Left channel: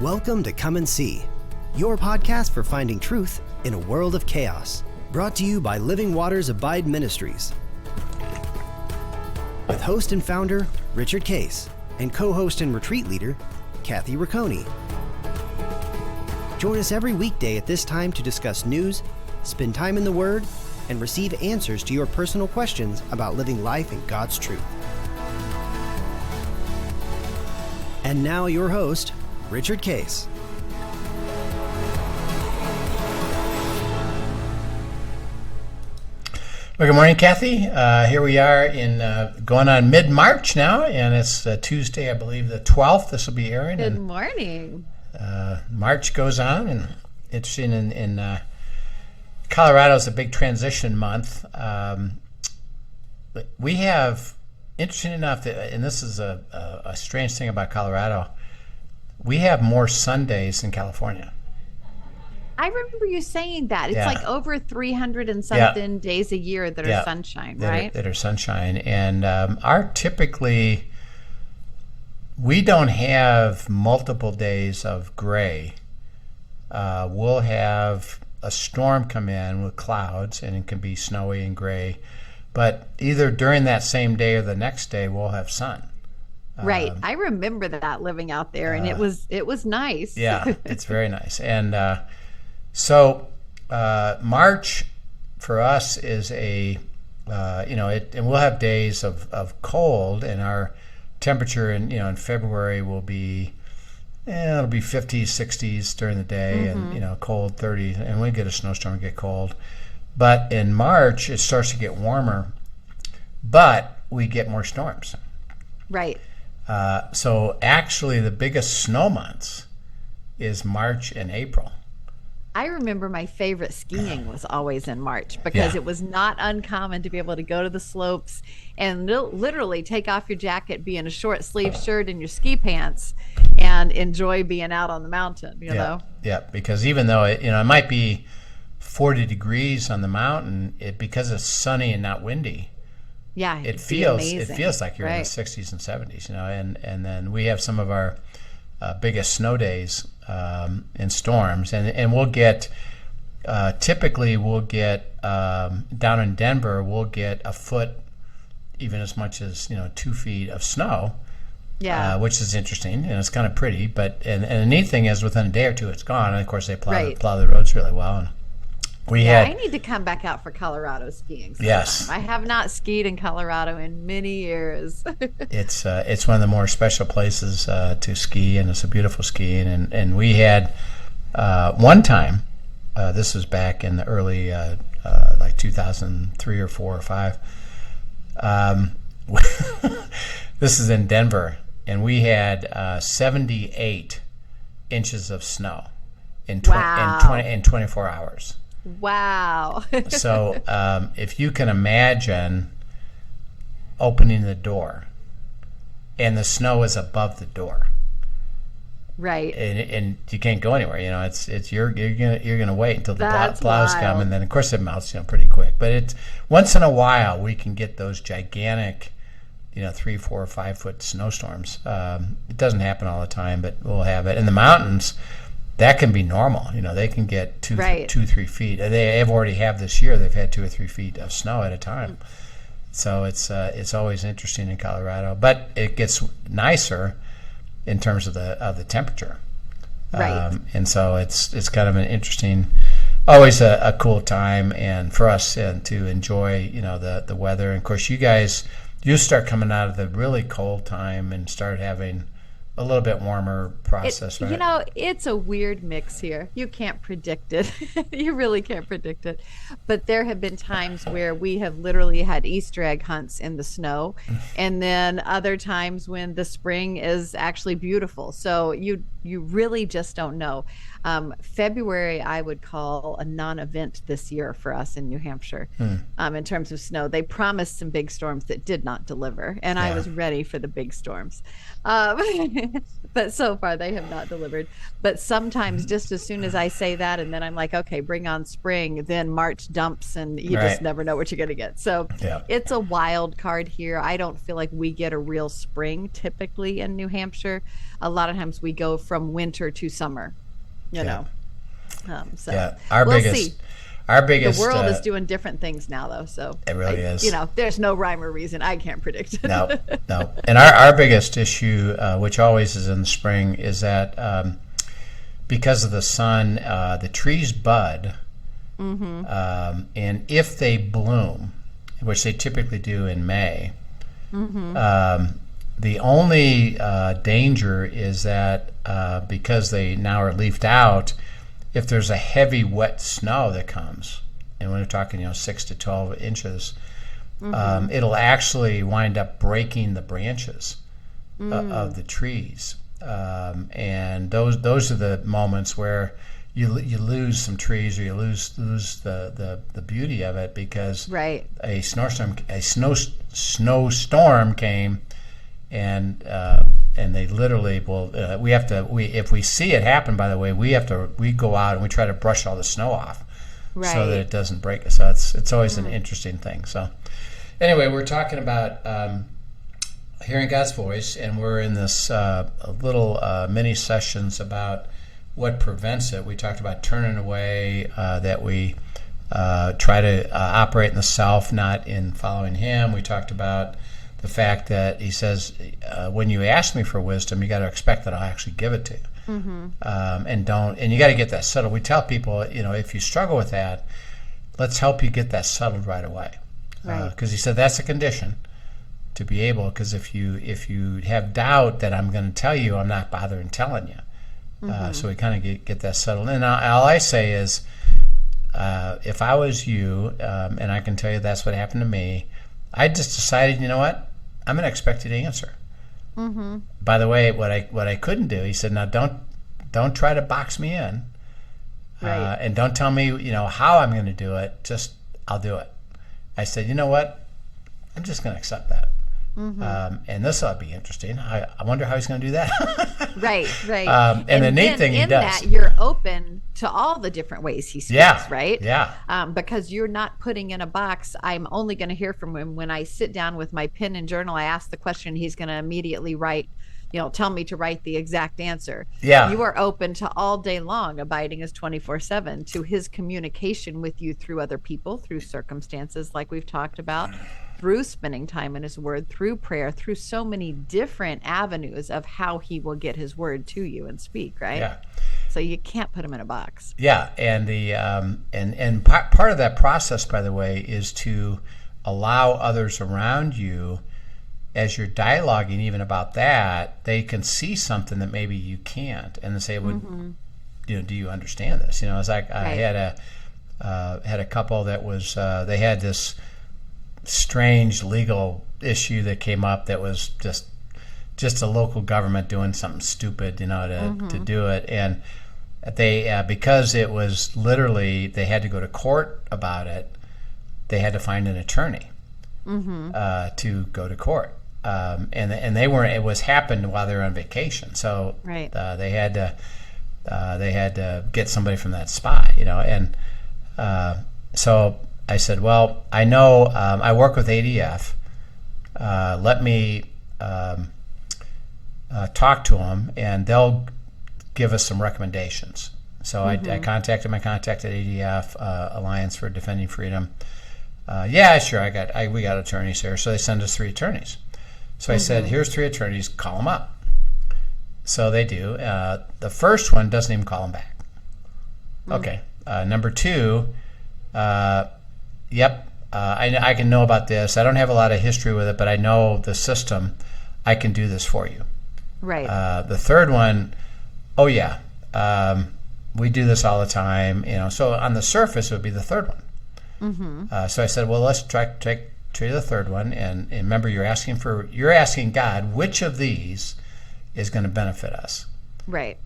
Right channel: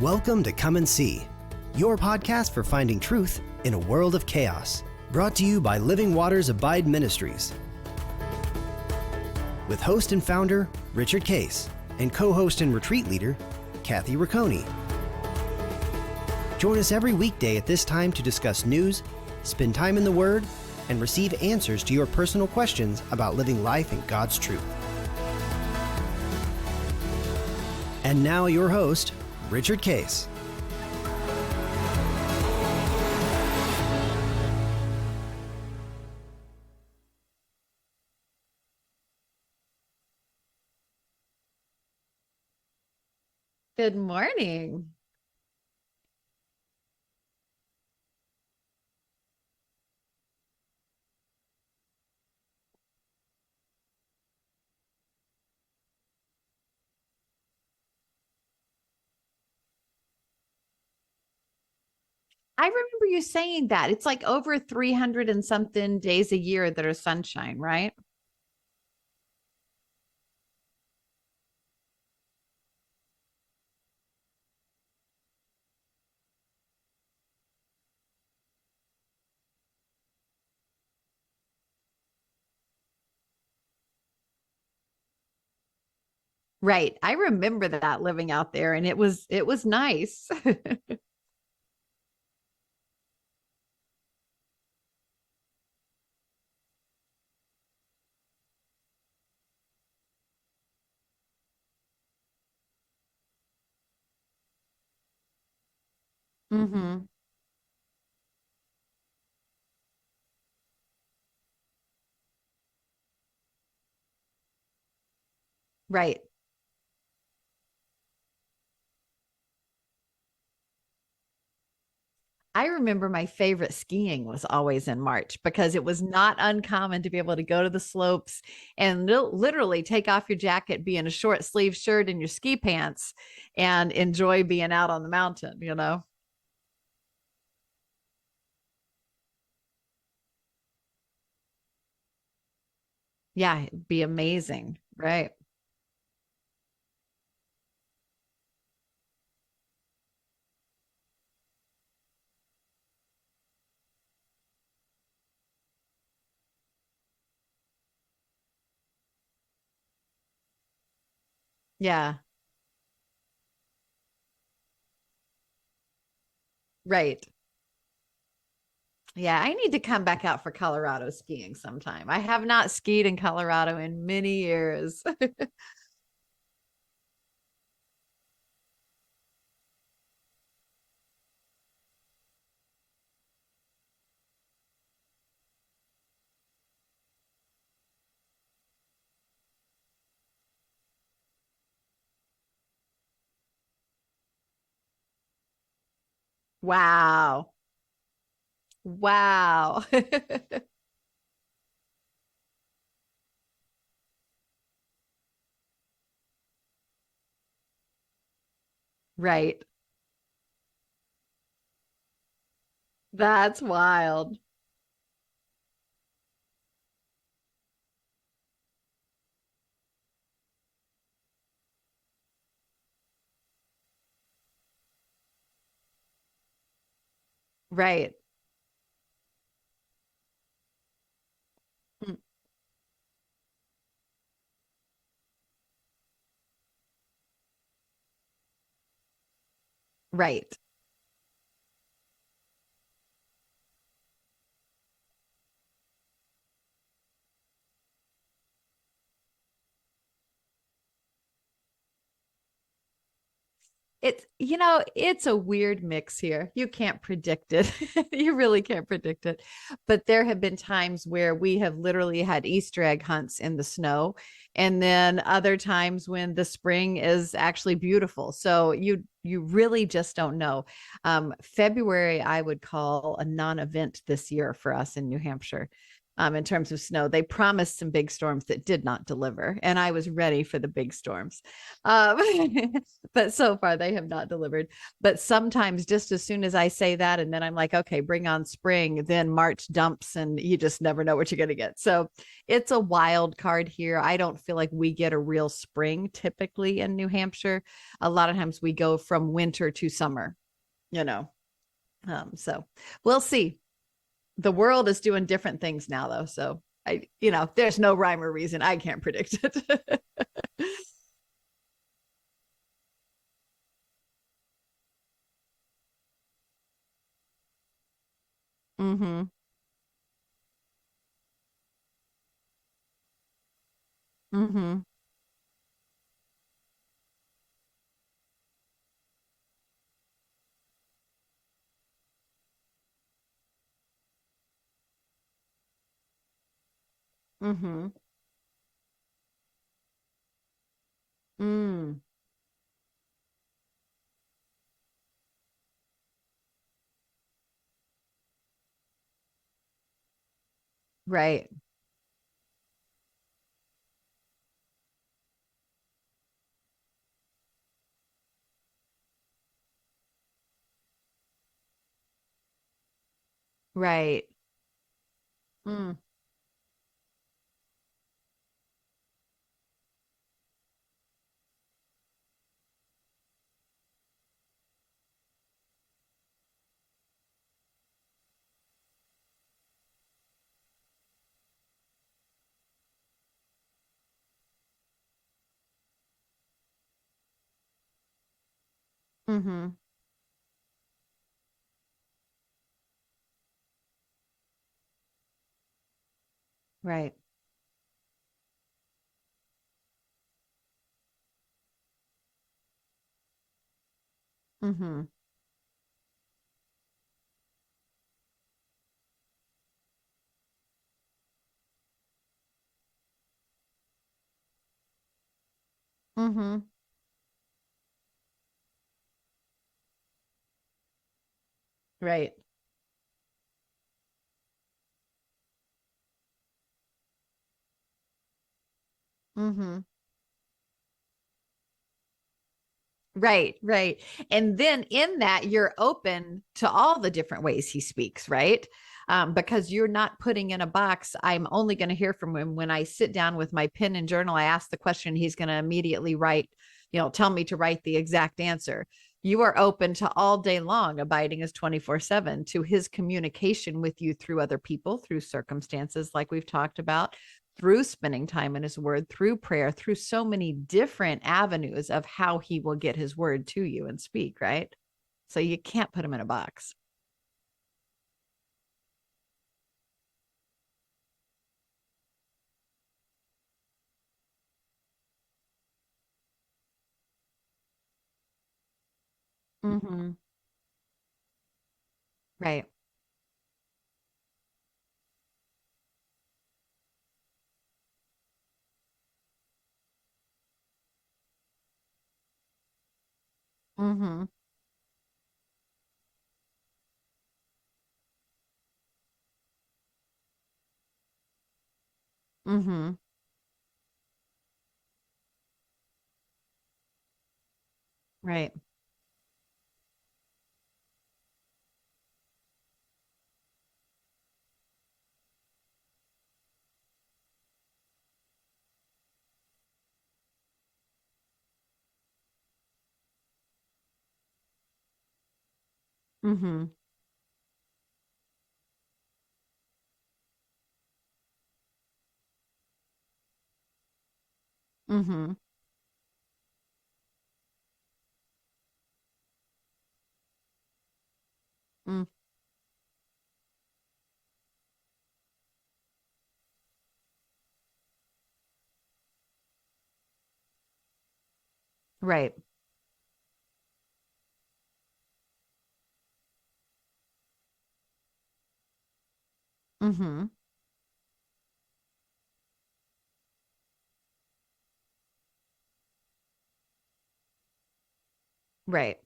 Welcome to Come and See, your podcast for finding truth in a world of chaos. Brought to you by Living Waters Abide Ministries. With host and founder, Richard Case, and co-host and retreat leader, Kathy Ricconi. Join us every weekday at this time to discuss news, spend time in the Word, and receive answers to your personal questions about living life in God's truth. And now your host, Richard Case. Well, good morning, Kathy. Here we are in going on mid-March now, and it's Tuesday, I believe, the 12th. This will be airing. Good morning. March goes on, and it's in Colorado is a big transition month. But we have, interesting enough, and this is a strange thing about Colorado, we have more Sundays than California. I remember you saying that. It's like over 300 and something days a year that are sunshine, right? That are sunshine. And typically, we don't have multiple days of gray. We'll have a storm come in with clouds, and it can be snowy and gray. But either during that same day or the next day, we'll have sun. Right. I remember that living out there, and it was nice. Yeah, it's very nice. And so March for us is and we'll have days of cold, and our temperature in February will be, it'll be 50s, 60s during the day, and cold 30s, and we get a snowstorm, get cold. But in March, it starts to get warmer, but we get more storms. Right. So actually, the biggest snow months is March and April. I remember my favorite skiing was always in March because it was not uncommon to be able to go to the slopes and literally take off your jacket, be in a short sleeve shirt and your ski pants, and enjoy being out on the mountain, you know? Yeah, because even though it might be 40 degrees on the mountain, because it's sunny and not windy, it feels amazing. It feels like you're in the 60s and 70s, and then we have some of our biggest snow days and storms, and we'll get typically down in Denver, we'll get a foot, even as much as 2 feet of snow, which is interesting, and it's kind of pretty. But and the neat thing is, within a day or two, it's gone, and of course they plow the roads really well. And I need to come back out for Colorado skiing sometime. Yes. I have not skied in Colorado in many years. It's one of the more special places to ski, and it's a beautiful ski. And we had one time, this was back in the early like 2003 or 4 or 5. This is in Denver, and we had 78 inches of snow in 24 hours. Wow. So if you can imagine opening the door and the snow is above the door, right, and you can't go anywhere, it's you're gonna wait until the plows wild. come, and then of course it melts pretty quick. But it's once in a while we can get those gigantic 3, 4, 5 foot snowstorms. It doesn't happen all the time, but we'll have it in the mountains. That can be normal. They can get 2, 3 feet. They have already this year. They've had 2 or 3 feet of snow at a time. So it's always interesting in Colorado, but it gets nicer in terms of the temperature. Right. And so it's kind of an interesting, always a cool time, and for us to enjoy the weather. And of course, you start coming out of the really cold time and start having a little bit warmer process, right? It's a weird mix here. You can't predict it. You really can't predict it. But there have been times where we have literally had Easter egg hunts in the snow, and then other times when the spring is actually beautiful. So you really just don't know. February, I would call a non-event this year for us in New Hampshire in terms of snow. They promised some big storms that did not deliver, and I was ready for the big storms. But so far, they have not delivered. But sometimes just as soon as I say that, and then I'm like, okay, bring on spring, then March dumps, and you just never know what you're going to get. So it's a wild card here. I don't feel like we get a real spring typically in New Hampshire. A lot of times we go from winter to summer, you know. So we'll see. Our biggest, the world is doing different things now, though. So it really is. You know, there's no rhyme or reason. I can't predict it. No. And our biggest issue, which always is in the spring, is that because of the sun, the trees bud, and if they bloom, which they typically do in May, the only danger is that because they now are leafed out, if there's a heavy wet snow that comes, and when we're talking 6 to 12 inches, it'll actually wind up breaking the branches of the trees, and those are the moments where you lose some trees, or you lose the beauty of it, because a snowstorm came, and they literally will. If we see it happen, by the way, we go out and we try to brush all the snow off, so that it doesn't break. So it's always an interesting thing. So anyway, we're talking about hearing God's voice, and we're in this little mini sessions about what prevents it. We talked about turning away, that we try to operate in the self, not in following Him. We talked about the fact that He says, when you ask me for wisdom, you got to expect that I'll actually give it to you. And you got to get that settled. We tell people, if you struggle with that, let's help you get that settled right away. Because He said that's a condition to be able. Because if you have doubt that I'm going to tell you, I'm not bothering telling you. So we kind of get that settled. And all I say is, if I was you, and I can tell you that's what happened to me, I just decided, you know what? I'm going to expect you to answer. By the way, what I couldn't do, He said, now don't try to box me in, and don't tell me how I'm going to do it. Just I'll do it. I said, you know what? I'm just going to accept that. And this ought to be interesting. I wonder how He's going to do that. Right. And the neat thing in that, you're open to all the different ways He speaks, right? Yeah. Because you're not putting in a box. I'm only going to hear from Him when I sit down with my pen and journal. I ask the question, He's going to immediately write, tell me to write the exact answer. Yeah. You are open to all day long. Abiding is 24/7 to His communication with you through other people, through circumstances like we've talked about, through spending time in His Word, through prayer, through so many different avenues of how He will get His Word to you and speak, right? Yeah. So you can't put Him in a box. Yeah, and the and part of that process, by the way, is to allow others around you, as you're dialoguing even about that, they can see something that maybe you can't, and they say, well, do you understand this? It's like I had a couple that was they had this strange legal issue that came up that was just a local government doing something stupid, to do it, and they because it was literally they had to go to court about it. They had to find an attorney to go to court, and they weren't. It was happened while they were on vacation, so they had to get somebody from that spot, and so I said, well, I know I work with ADF. Let me talk to them, and they'll give us some recommendations. So I contacted my contact at ADF, Alliance for Defending Freedom. Yeah, sure, we got attorneys here. So they send us 3 attorneys. So I said, here's 3 attorneys, call them up. So they do. The first one doesn't even call them back. Okay. Number 2, yep, I can know about this. I don't have a lot of history with it, but I know the system. I can do this for you. Right. The third one, oh yeah, we do this all the time. So on the surface, it would be the third one. So I said, well, let's try the third one, and remember, you're asking God, which of these is going to benefit us. Right.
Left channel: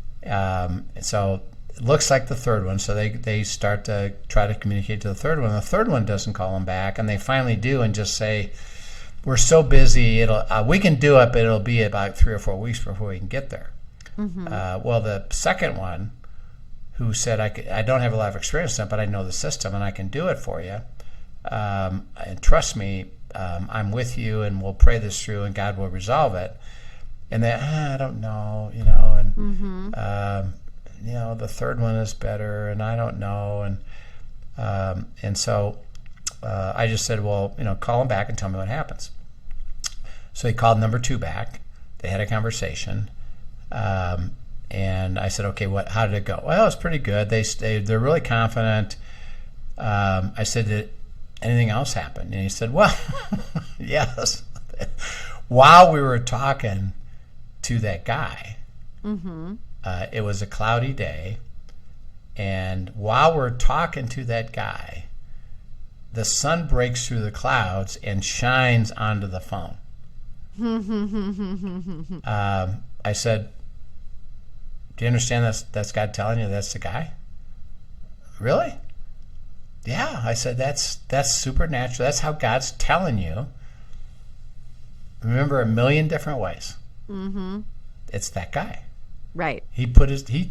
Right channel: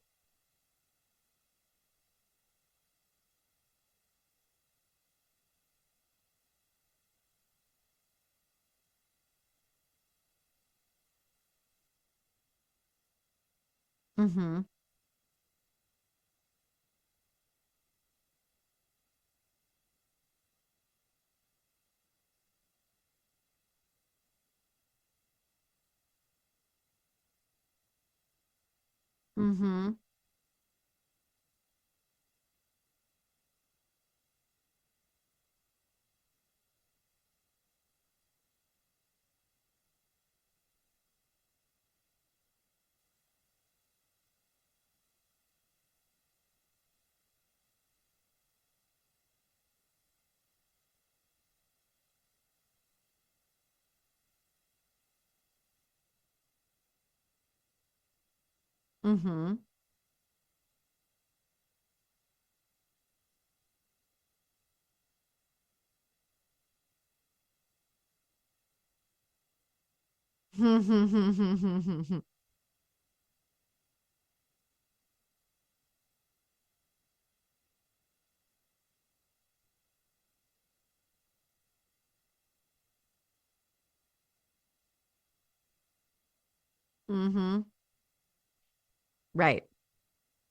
So it looks like the third one, so they start to try to communicate to the third one. The third one doesn't call them back, and they finally do, and just say, we're so busy, we can do it, but it'll be about 3 or 4 weeks before we can get there. Well, the second one, who said, I don't have a lot of experience in it, but I know the system, and I can do it for you, and trust me, I'm with you, and we'll pray this through, and God will resolve it. And they, I don't know, you know, and you know, the third one is better, and I don't know, and so I just said, well, you know, call him back and tell me what happens. So he called number 2 back. They had a conversation, and I said, okay, how did it go? Well, it was pretty good. They're really confident. I said, did anything else happen? And he said, well, yes. While we were talking to that guy, it was a cloudy day, and while we're talking to that guy, the sun breaks through the clouds and shines onto the phone. I said, do you understand that's God telling you that's the guy? Really? Yeah. I said, that's supernatural. That's how God's telling you. Remember, a million different ways. It's that guy. Right. He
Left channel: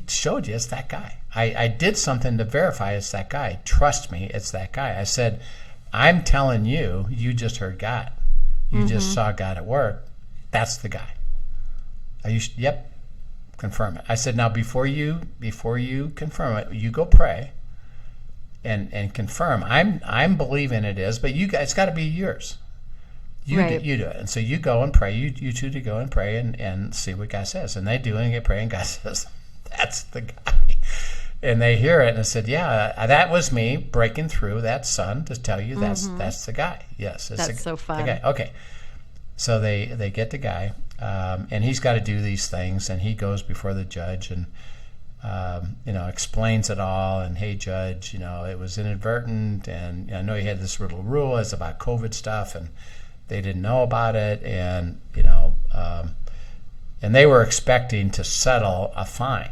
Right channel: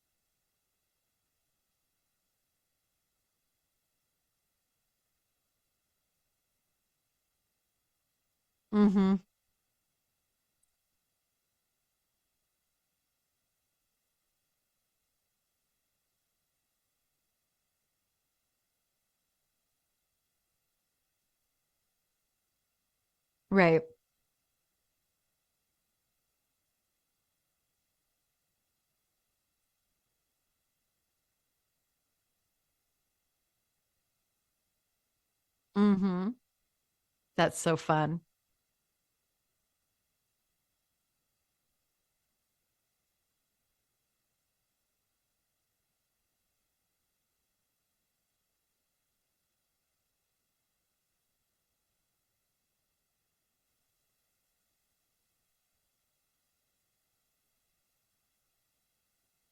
showed you it's that guy. I did something to verify it's that guy. Trust me, it's that guy. I said, I'm telling you, you just heard God. You just saw God at work. That's the guy. Yep. Confirm it. I said, now before you confirm it, you go pray and confirm. I'm believing it is, but you guys, it's got to be yours. You do it. And so you go and pray. You two to go and pray and see what God says. And they do, and they pray, and God says, that's the guy. And they hear it, and I said, yeah, that was me breaking through that sun to tell you that's the guy. Yes. That's so fun. Okay. So they get the guy, and he's got to do these things, and he goes before the judge and, you know, explains it all. And, hey, judge, you know, it was inadvertent, and I know you had this little rule. It's about COVID stuff, and they didn't know about it, and, you know, and they were expecting to settle a fine.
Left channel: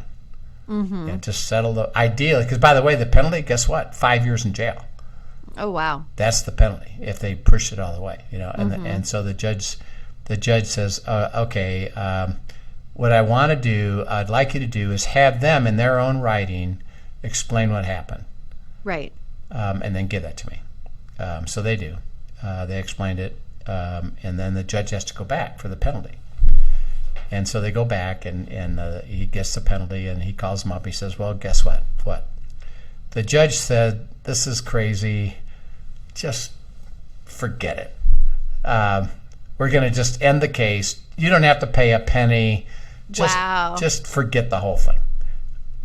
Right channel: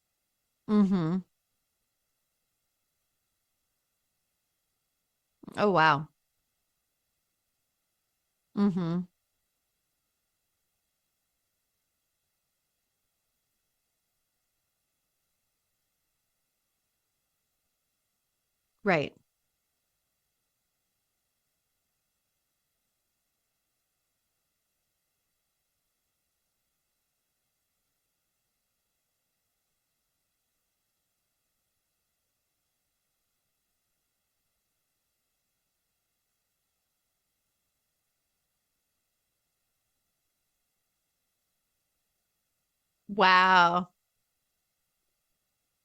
And to settle ideally, because by the way, the penalty, guess what? 5 years in jail. Oh, wow. That's the penalty if they push it all the way, you know. And so the judge says, okay, what I want to do, I'd like you to do is have them in their own writing explain what happened. Right. And then give that to me. So they do. They explained it, and then the judge has to go back for the penalty. And so they go back, and he gets the penalty, and he calls them up. He says, well, guess what? What? The judge said, this is crazy. Just forget it. We're going to just end the case. You don't have to pay a penny. Just forget the whole thing.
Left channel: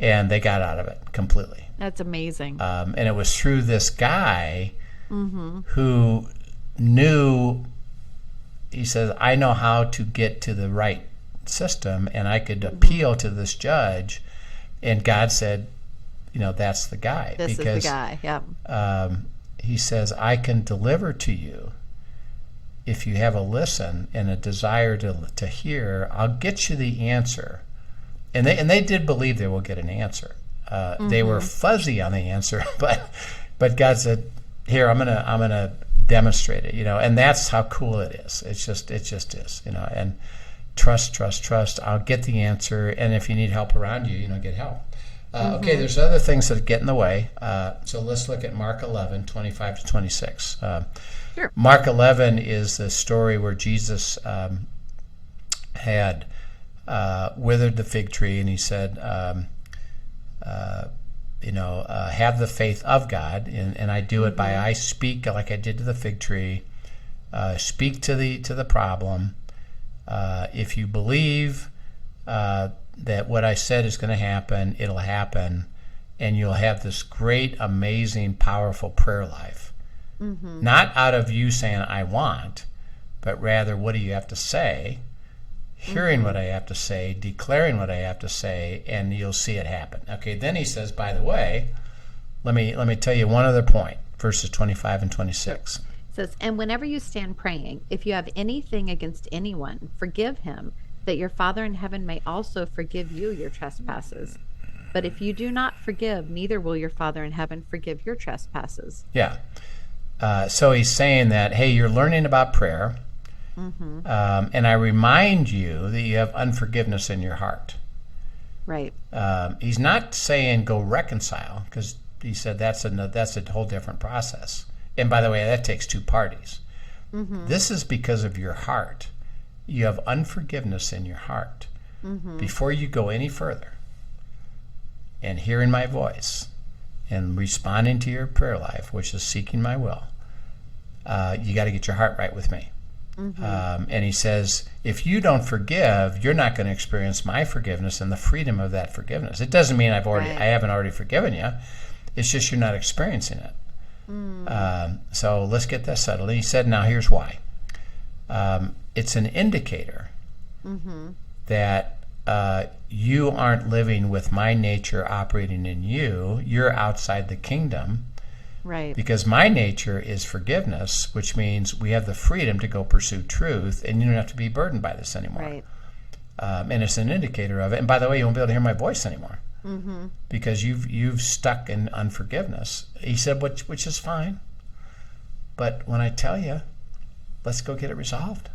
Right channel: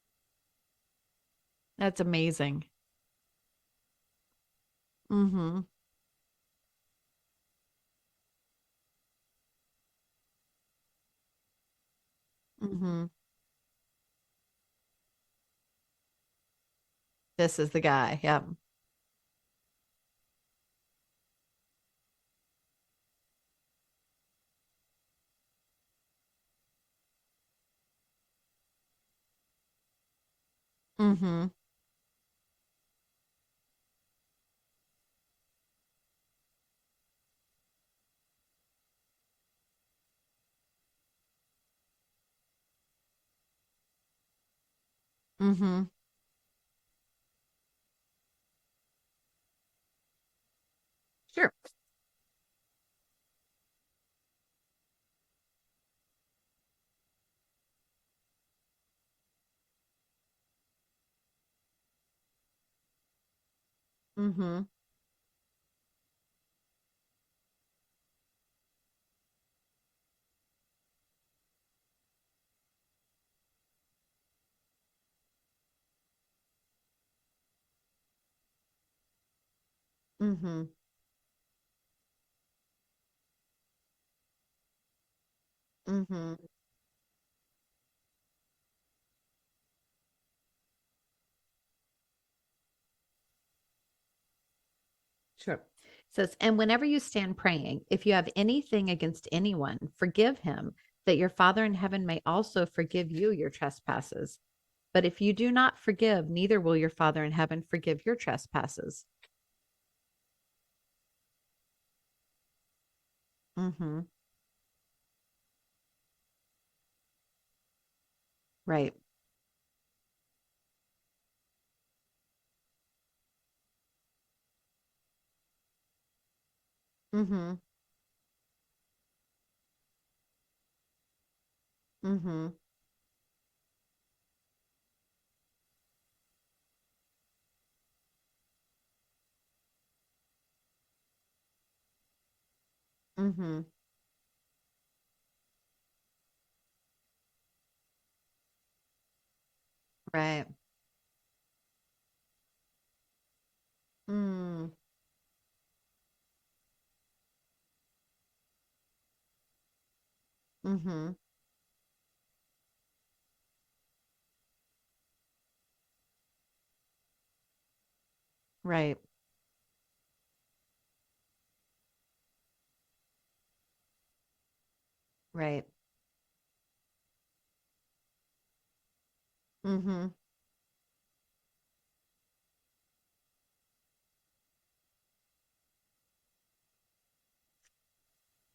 And they got out of it completely. That's amazing. And it was through this guy who knew, he says, I know how to get to the right system, and I could appeal to this judge, and God said, you know, that's the guy. This is the guy. Yeah. He says, I can deliver to you if you have a listen and a desire to hear. I'll get you the answer. And they did believe they will get an answer. They were fuzzy on the answer, but God said, here, I'm gonna demonstrate it, you know. And that's how cool it is. It just is, you know. And trust. I'll get the answer, and if you need help around you, you know, get help. Okay, there's other things that get in the way. So let's look at Mark 11, 25 to 26. Sure. Mark 11 is the story where Jesus had withered the fig tree, and he said, have the faith of God, and I do it by I speak like I did to the fig tree. Speak to the problem. If you believe that what I said is going to happen, it'll happen, and you'll have this great, amazing, powerful prayer life. Not out of you saying, I want, but rather, what do you have to say? Hearing what I have to say, declaring what I have to say, and you'll see it happen. Okay, then he says, by the way, let me tell you one other point, verses 25 and 26. Sure. It says, and whenever you stand praying, if you have anything against anyone, forgive him, that your Father in heaven may also forgive you your trespasses. But if you do not forgive, neither will your Father in heaven forgive your trespasses. Yeah. So he's saying that, hey, you're learning about prayer, and I remind you that you have unforgiveness in your heart. Right. He's not saying go reconcile, because he said that's a whole different process. And by the way, that takes two parties. This is because of your heart. you have unforgiveness in your heart, before you go any further and hearing my voice and responding to your prayer life, which is seeking my will, you got to get your heart right with me. And he says, if you don't forgive, you're not going to experience my forgiveness and the freedom of that forgiveness. It doesn't mean I haven't already forgiven you. It's just you're not experiencing it. So let's get that settled. And he said, now here's why. It's an indicator that you aren't living with my nature operating in you. You're outside the kingdom. Right. Because my nature is forgiveness, which means we have the freedom to go pursue truth, and you don't have to be burdened by this anymore. Right. And it's an indicator of it. And by the way, you won't be able to hear my voice anymore because you've stuck in unforgiveness. He said, which is fine. But when I tell you, let's go get it resolved.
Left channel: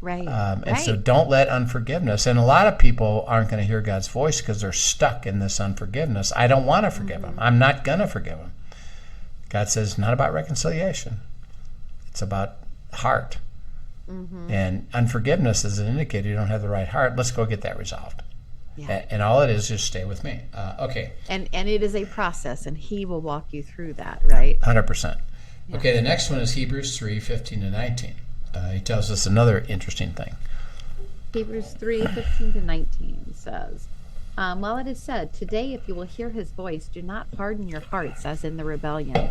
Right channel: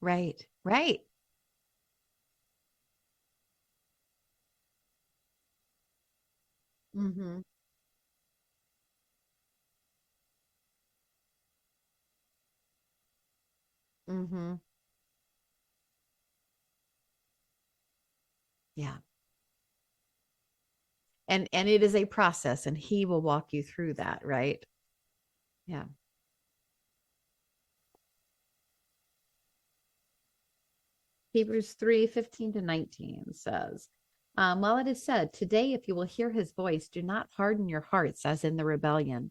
Right. And so don't let unforgiveness. And a lot of people aren't going to hear God's voice because they're stuck in this unforgiveness. I don't want to forgive them. I'm not going to forgive them. God says, not about reconciliation. It's about heart. And unforgiveness is an indicator you don't have the right heart. Let's go get that resolved. Yeah. And all it is just stay with me. Okay. And it is a process, and he will walk you through that, right? 100%. Yeah. Okay, the next one is Hebrews 3:15-19. He tells us another interesting thing. Hebrews 3:15-19 says, while it is said, today if you will hear his voice, do not harden your hearts as in the rebellion.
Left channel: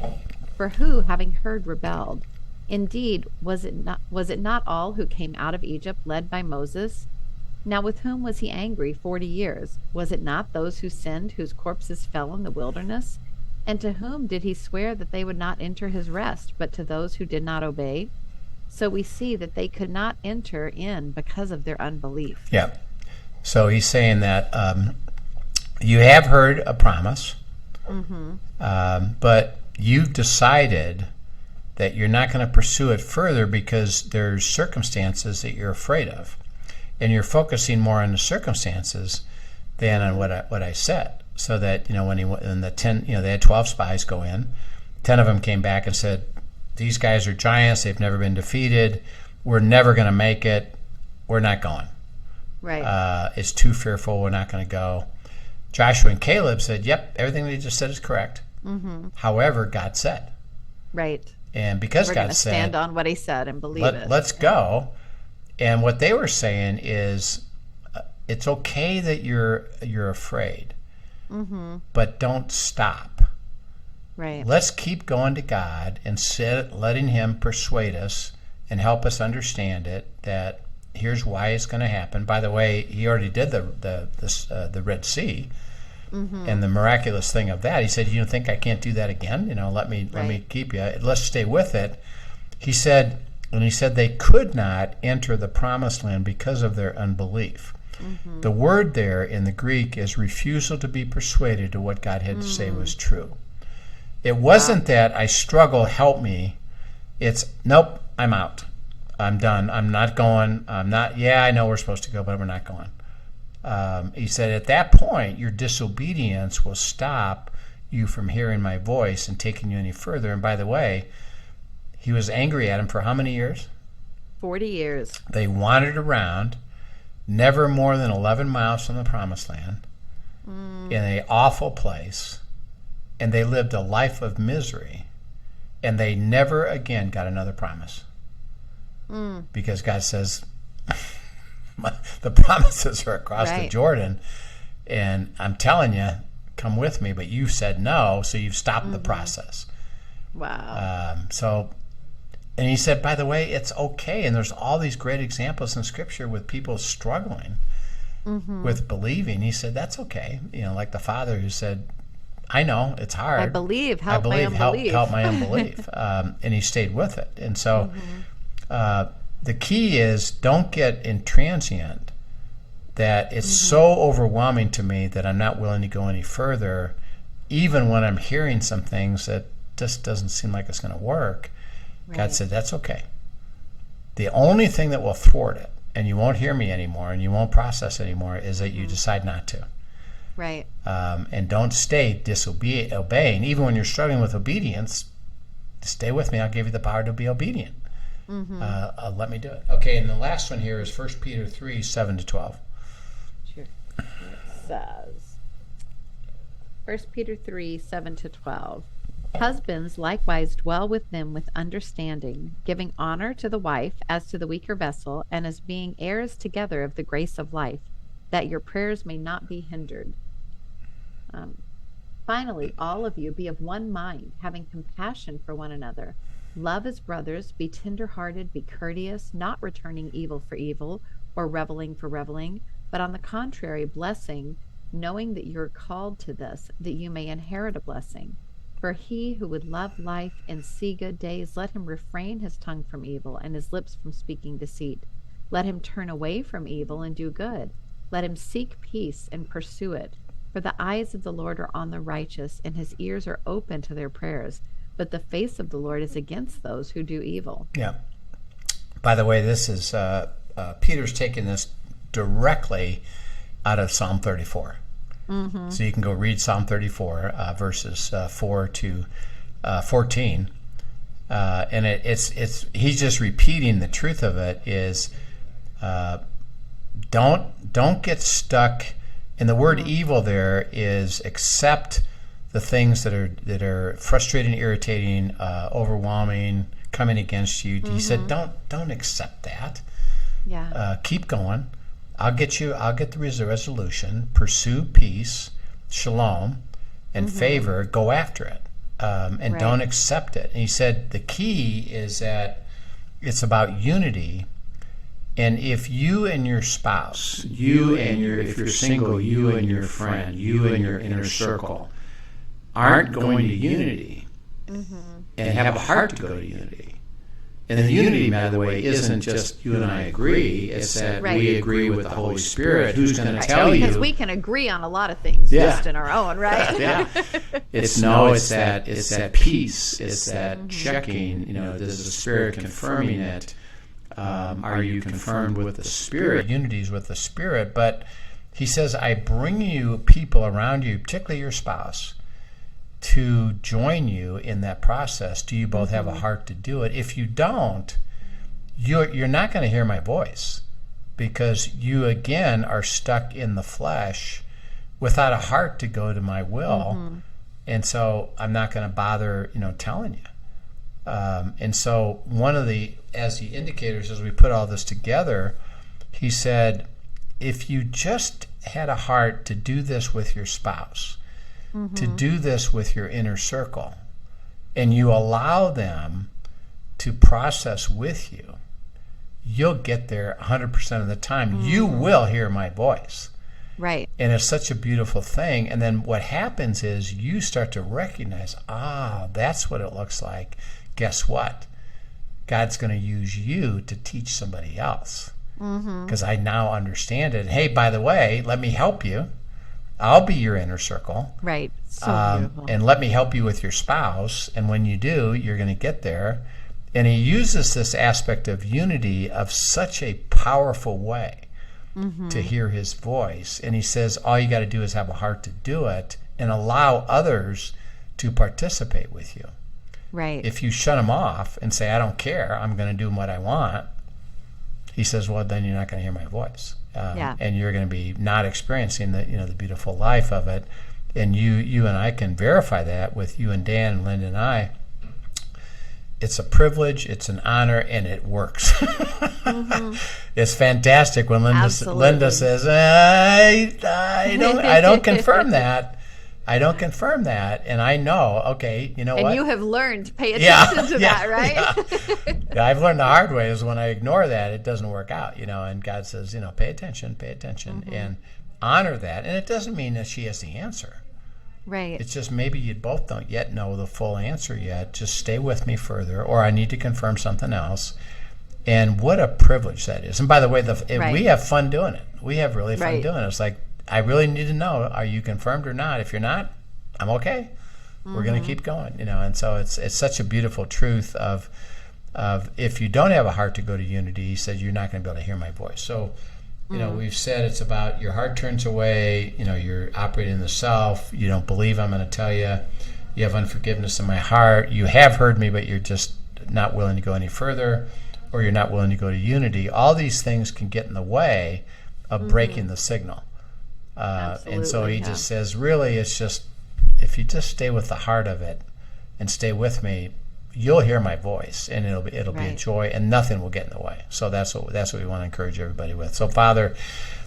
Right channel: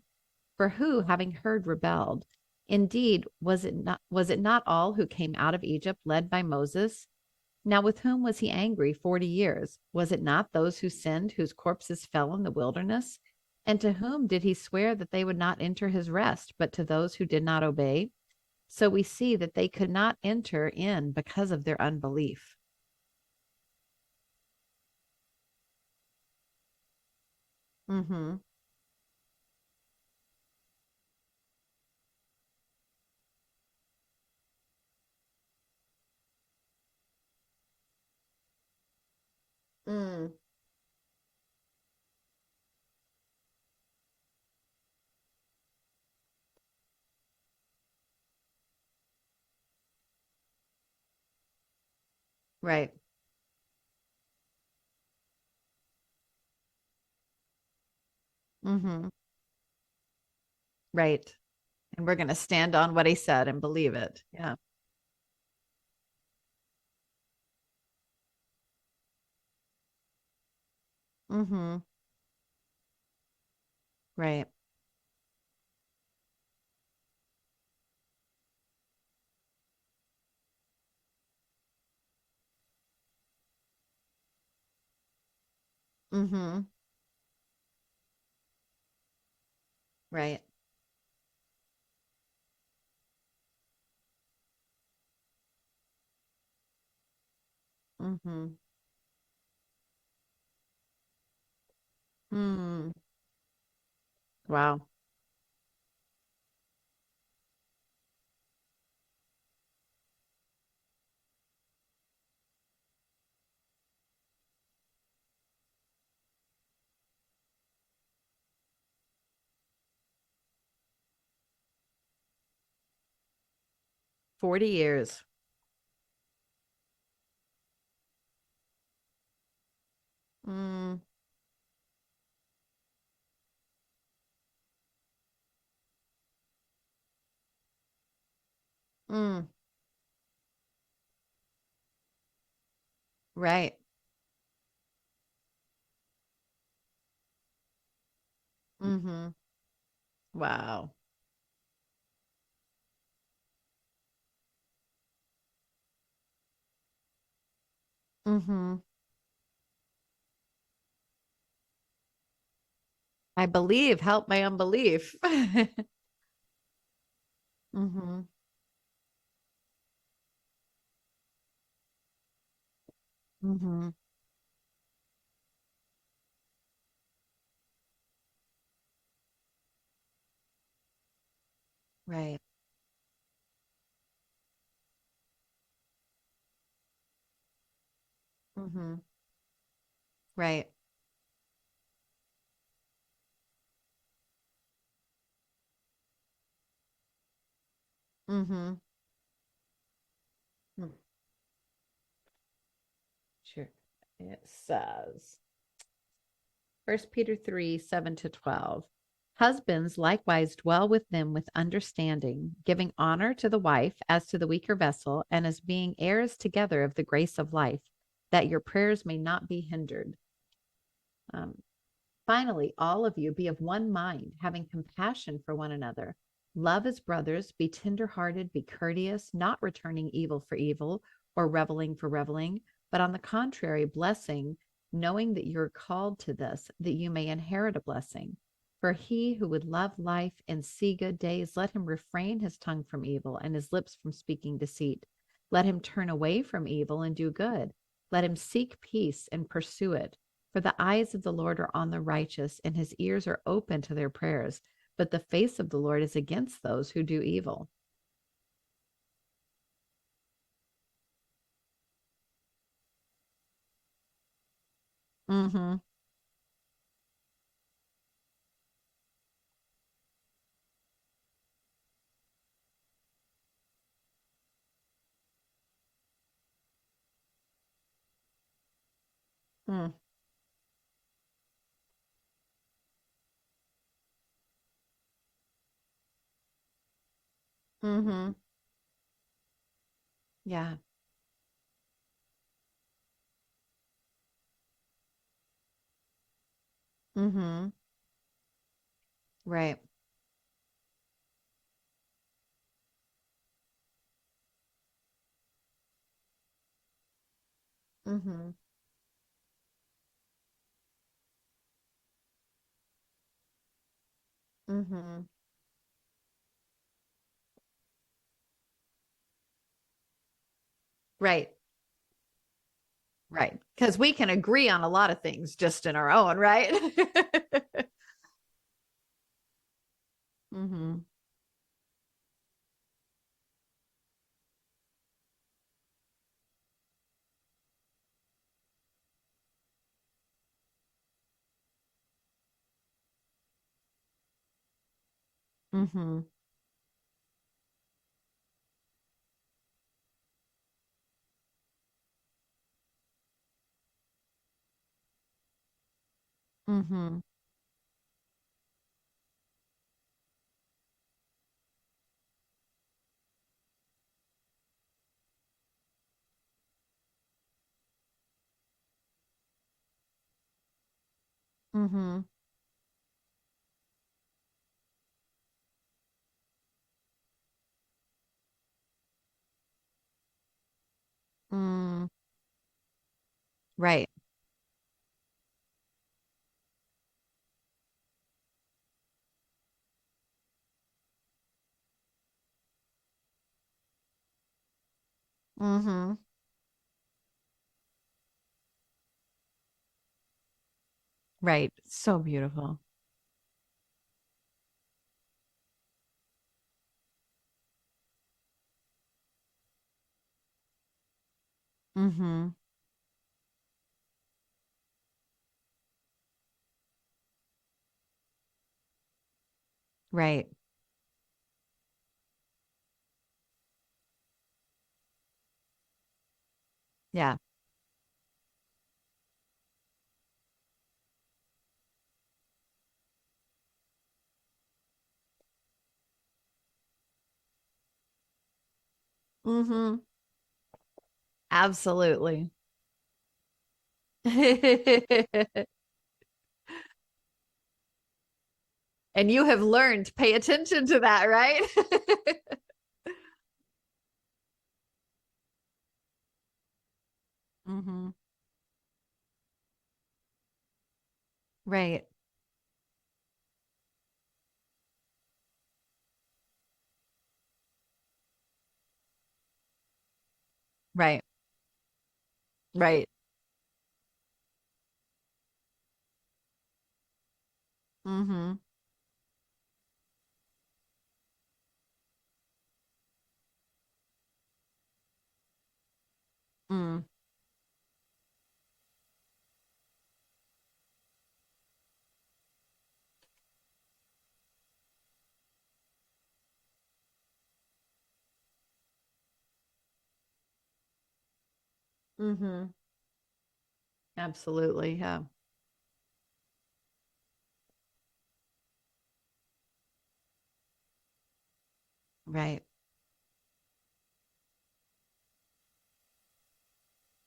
For who, having heard, rebelled? Indeed, was it not all who came out of Egypt led by Moses? Now with whom was he angry 40 years? Was it not those who sinned, whose corpses fell in the wilderness? And to whom did he swear that they would not enter his rest, but to those who did not obey? So we see that they could not enter in because of their unbelief. Yeah. So he's saying that you have heard a promise, but you've decided that you're not going to pursue it further because there's circumstances that you're afraid of, and you're focusing more on the circumstances than on what I said. So that when the 10, they had 12 spies go in, 10 of them came back and said, "These guys are giants. They've never been defeated. We're never going to make it. We're not going. Right. It's too fearful. We're not going to go." Joshua and Caleb said, "Yep, everything they just said is correct." However, God said. Right. And because we're going to stand on what he said and believe it. Let's go. And what they were saying is, it's okay that you're afraid, but don't stop. Right. Let's keep going to God and letting him persuade us and help us understand it, that here's why it's going to happen. By the way, he already did the Red Sea, and the miraculous thing of that. He said, "You think I can't do that again? Let me keep you. Let's stay with it." He said they could not enter the promised land because of their unbelief. The word there in the Greek is refusal to be persuaded to what God had to say was true. It wasn't that I struggle, help me. It's, nope, I'm out. I'm done. I'm not going. I know we're supposed to go, but we're not going. He said, at that point, your disobedience will stop you from hearing my voice and taking you any further. And by the way, he was angry at him for how many years? 40 years. They wandered around, never more than 11 miles from the promised land, in an awful place, and they lived a life of misery, and they never again got another promise. Because God says, the promises are across the Jordan, and I'm telling you, come with me, but you said no, so you've stopped the process. Wow. And he said, by the way, it's okay, and there's all these great examples in Scripture with people struggling with believing. He said, that's okay. Like the father who said, I know, it's hard. I believe, help my unbelief. Help my unbelief. And he stayed with it. And so the key is, don't get intransient that it's so overwhelming to me that I'm not willing to go any further, even when I'm hearing some things that just doesn't seem like it's going to work. Right. God said, that's okay. The only thing that will thwart it, and you won't hear me anymore, and you won't process anymore, is that you decide not to. Right. And don't stay obeying. Even when you're struggling with obedience, stay with me. I'll give you the power to be obedient. Let me do it. Okay, and the last one here is 1 Peter 3, 7-12. Sure. It says, 1 Peter 3, 7-12. Husbands likewise dwell with them with understanding, giving honor to the wife as to the weaker vessel, and as being heirs together of the grace of life, that your prayers may not be hindered. Finally, all of you be of one mind, having compassion for one another. Love as brothers, be tender-hearted, be courteous, not returning evil for evil, or reviling for reviling, but on the contrary, blessing, knowing that you are called to this, that you may inherit a blessing. For he who would love life and see good days, let him refrain his tongue from evil and his lips from speaking deceit. Let him turn away from evil and do good. Let him seek peace and pursue it. For the eyes of the Lord are on the righteous, and his ears are open to their prayers. But the face of the Lord is against those who do evil. Yeah. By the way, this is Peter's taking this directly out of Psalm 34. Mm-hmm. So you can go read Psalm 34, verses 4 to 14, and it's he's just repeating the truth of it. Is don't get stuck. And the word evil there is accept the things that are frustrating, irritating, overwhelming, coming against you. He said, don't accept that. Yeah. Keep going. I'll get the resolution. Pursue peace, shalom, and favor. Go after it, and don't accept it. And he said the key is that it's about unity. And if you and your spouse, if you're single, you and your friend, you and your inner circle aren't going to unity and have a heart to go to unity. And the unity, by the way, isn't just you and I agree. It's that we agree with the Holy Spirit, who's going to tell you. Because we can agree on a lot of things just in our own, right? Yeah. It's that peace. It's that checking. Does the Spirit confirming it? Are you confirmed with the Spirit? Unity's with the Spirit. But he says, I bring you people around you, particularly your spouse, to join you in that process. Do you both have a heart to do it? If you don't, you're not going to hear my voice, because you again are stuck in the flesh without a heart to go to my will. And so I'm not going to bother telling you. And so one of the indicators as we put all this together, he said, if you just had a heart to do this with your spouse, to do this with your inner circle, and you allow them to process with you, you'll get there 100% of the time. You will hear my voice. Right. And it's such a beautiful thing. And then what happens is you start to recognize, that's what it looks like. Guess what? God's going to use you to teach somebody else, because I now understand it. Hey, by the way, let me help you. I'll be your inner circle. Right. So beautiful. And let me help you with your spouse. And when you do, you're going to get there. And he uses this aspect of unity of such a powerful way to hear his voice. And he says, all you got to do is have a heart to do it and allow others to participate with you. Right. If you shut them off and say, I don't care, I'm going to do what I want, he says, well, then you're not going to hear my voice. And you're going to be not experiencing the beautiful life of it. And you and I can verify that with you and Dan and Linda and I. It's a privilege, it's an honor, and it works. It's fantastic when Linda says, I don't confirm that. I don't confirm that, and I know, okay, you know what? And you have learned to pay attention to that, right? Yeah, I've learned the hard way is when I ignore that, it doesn't work out, and God says, pay attention, and honor that. And it doesn't mean that she has the answer. Right. It's just maybe you both don't yet know the full answer yet. Just stay with me further, or I need to confirm something else. And what a privilege that is. And by the way, we have fun doing it. We have really fun doing it. It's like, I really need to know, are you confirmed or not? If you're not, I'm okay. We're going to keep going, And so it's such a beautiful truth of if you don't have a heart to go to unity, he said, you're not going to be able to hear my voice. So, we've said it's about your heart turns away, you're operating in the self, you don't believe I'm going to tell you, you have unforgiveness in my heart, you have heard me, but you're just not willing to go any further, or you're not willing to go to unity, all these things can get in the way of breaking the signal. Absolutely, and so he just says, really, it's just, if you just stay with the heart of it and stay with me, you'll hear my voice, and it'll be joy, and nothing will get in the way. So that's what we want to encourage everybody with. So, Father,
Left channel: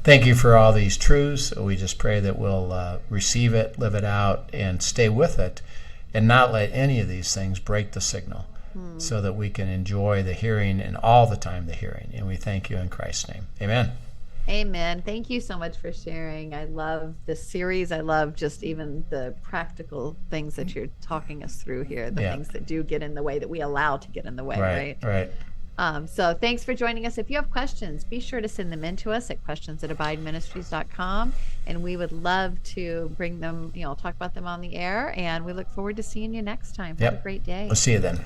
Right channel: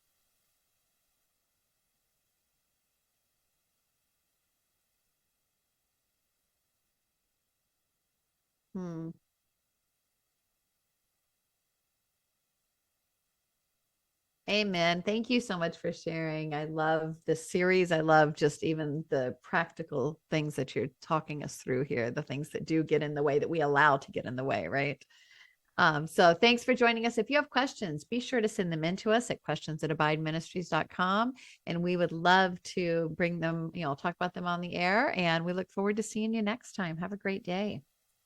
thank you for all these truths. We just pray that we'll receive it, live it out, and stay with it, and not let any of these things break the signal, so that we can enjoy the hearing and all the time the hearing. And we thank you in Christ's name. Amen. Amen. Thank you so much for sharing. I love this series. I love just even the practical things that you're talking us through here, the things that do get in the way, that we allow to get in the way, right? So thanks for joining us. If you have questions, be sure to send them in to us at questions@abideministries.com. And we would love to bring them, talk about them on the air. And we look forward to seeing you next time. Have a great day. We'll see you then.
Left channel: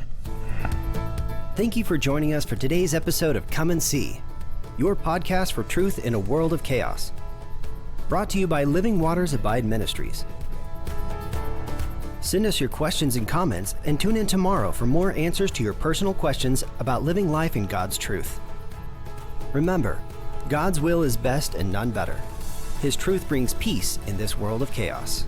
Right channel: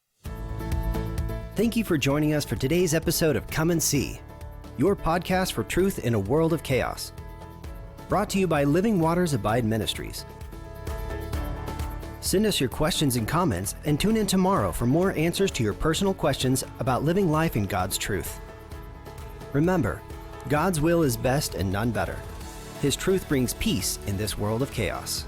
Thank you for joining us for today's episode of Come and See, your podcast for truth in a world of chaos. Brought to you by Living Waters Abide Ministries. Send us your questions and comments, and tune in tomorrow for more answers to your personal questions about living life in God's truth. Remember, God's will is best and none better. His truth brings peace in this world of chaos.